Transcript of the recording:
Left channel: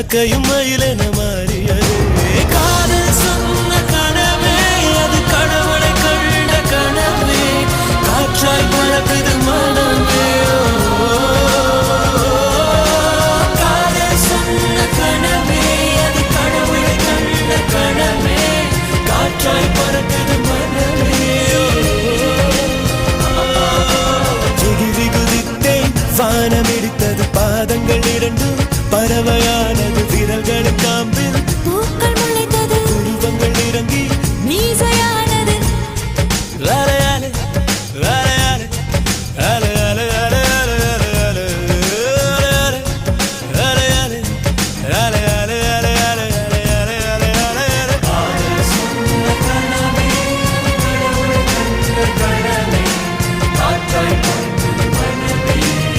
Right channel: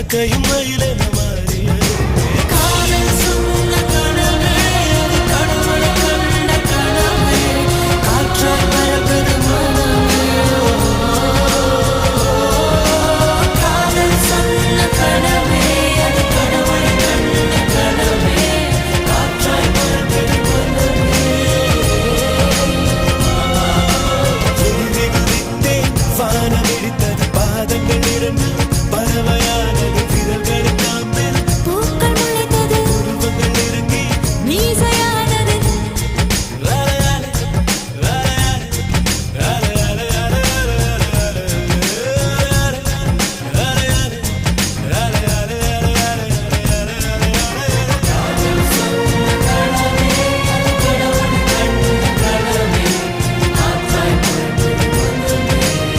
காக்கையும் மயிலென மாறியது. காதல் சொன்ன கனவே அது கடவுளை கண்ட கனவே, காற்றாய் பறக்குது மனமே. காதல் சொன்ன கனவே அது கடவுளை கண்ட கனவே, காற்றாய் பறக்குது மனமே. எகிரி குதித்தேன், வானம் இடித்தது பாதங்கள் இரண்டு, பறவை